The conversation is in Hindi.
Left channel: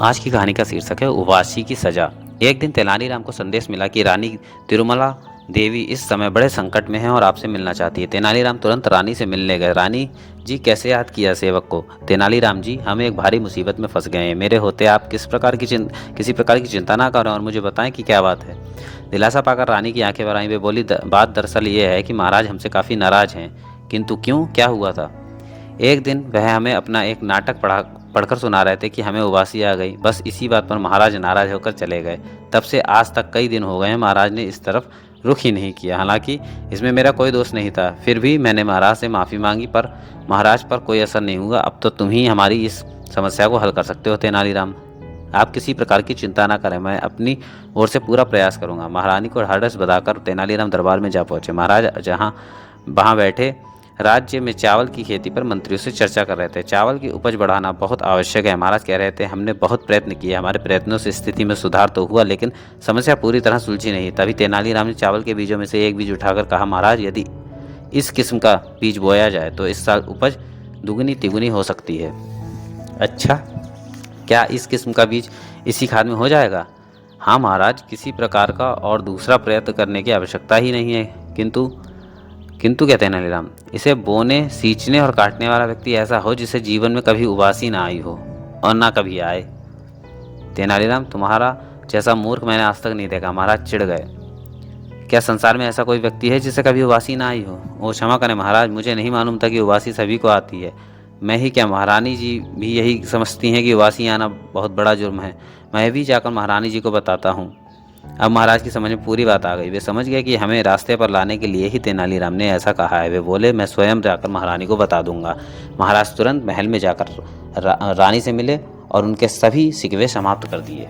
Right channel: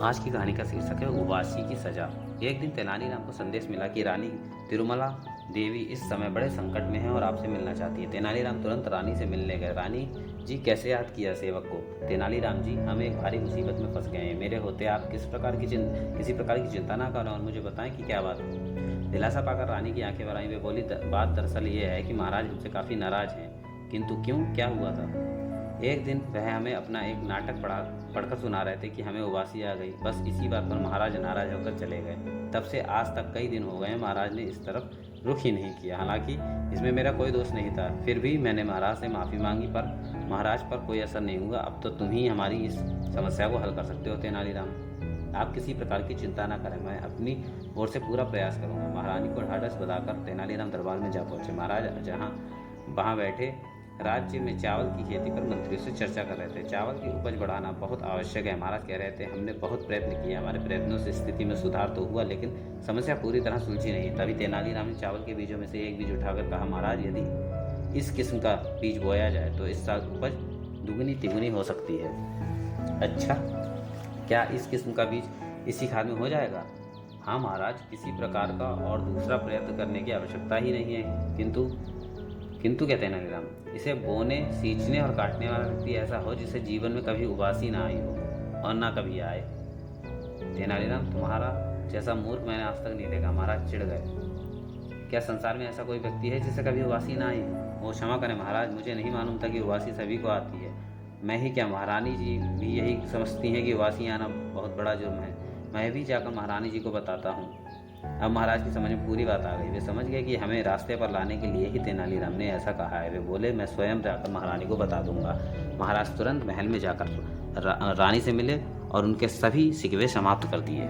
आज की कहानी का शीर्षक है उबासी की सजा। एक दिन तेनालीराम को संदेश मिला कि रानी तिरुमला देवी इस समय बड़े संकट में है और आपसे मिलना चाहती है। तेनालीराम तुरंत रानी से मिलने गए। रानी जी, कैसे याद किया सेवक को? तेनालीराम जी, हम एक भारी मुसीबत में फंस गए हैं। मेरे होते आप किसी प्रकार की चिंता ना करें और मुझे बताएं कि क्या बात है। दिलासा पाकर रानी की आंखें भर आईं। वे बोली, बात दरअसल ये है कि महाराज हमसे काफ़ी नाराज हैं। किंतु क्यों, क्या हुआ था? एक दिन वह हमें अपना एक नाटक पढ़कर सुना रहे थे कि हमें उबासी आ गई। बस इसी बात पर महाराज नाराज होकर चले गए। तब से आज तक कई दिन हो गए हैं, महाराज ने इस तरफ रुख ही नहीं किया। हालांकि इसमें मेरा कोई दोष नहीं था। फिर भी मैंने महाराज से माफ़ी मांगी, पर महाराज पर कोई असर नहीं हुआ। अब तो तुम ही हमारी इस समस्या को हल कर सकते हो तेनालीराम। आप किसी प्रकार की चिंता ना करें, मैं अपनी ओर से पूरा प्रयास करूंगा। महारानी को ढाढ़स बधाकर तेनालीराम दरबार में जा पहुंचे। महाराज जहां वहां बैठे राज्य में चावल की खेती पर मंत्रियों से चर्चा कर रहे थे। चावल की उपज बढ़ाना बहुत आवश्यक है। महाराज कह रहे थे, हमने बहुत प्रयत्न किए, हमारे प्रयत्नों से स्थिति में सुधार तो हुआ, लेकिन समस्या पूरी तरह सुलझी नहीं। तभी तेनालीराम ने चावल के बीजों में से एक बीज उठाकर कहा, महाराज यदि इस किस्म का बीज बोया जाए तो इस साल उपज दुगनी तिगुनी हो सकती है। अच्छा, क्या इस किस्म का बीज इसी खाद में हो जाएगा? हाँ महाराज, किसी प्रकार का और दूसरा प्रयत्न करने की आवश्यकता ही नहीं है। किंतु किंतु क्या तेनालीराम? इसे बोने, सींचने और काटने वाला व्यक्ति ऐसा हो जिसे जीवन में कभी उबासी ना आई हो और ना कभी आए। तेनालीराम, तुम्हारा जैसा मूर्ख मैंने आज तक नहीं देखा। महाराज चिढ़ गए। क्या संसार में ऐसा कोई व्यक्ति है जिसे कभी उबासी ना आई हो? ओ क्षमा करें महाराज, मुझे नहीं मालूम था कि उबासी सभी को आती है। मैं ही क्या, महारानी जी भी यही समझती हैं कि उबासी आना बहुत बड़ा जुर्म है। मैं भी जाकर महारानी जी को बताता हूँ। अब महाराज की समझ में पूरी बात आ गई। वे समझ गए कि हमें रास्ते पर लाने के लिए ही तेनालीराम ने ऐसा कहा है। वे बोले, मैं स्वयं जाकर महारानी को बता दूंगा। महाराज तुरंत महल में जाकर रानी से मिले और उनके सभी शिकवे समाप्त कर दिए।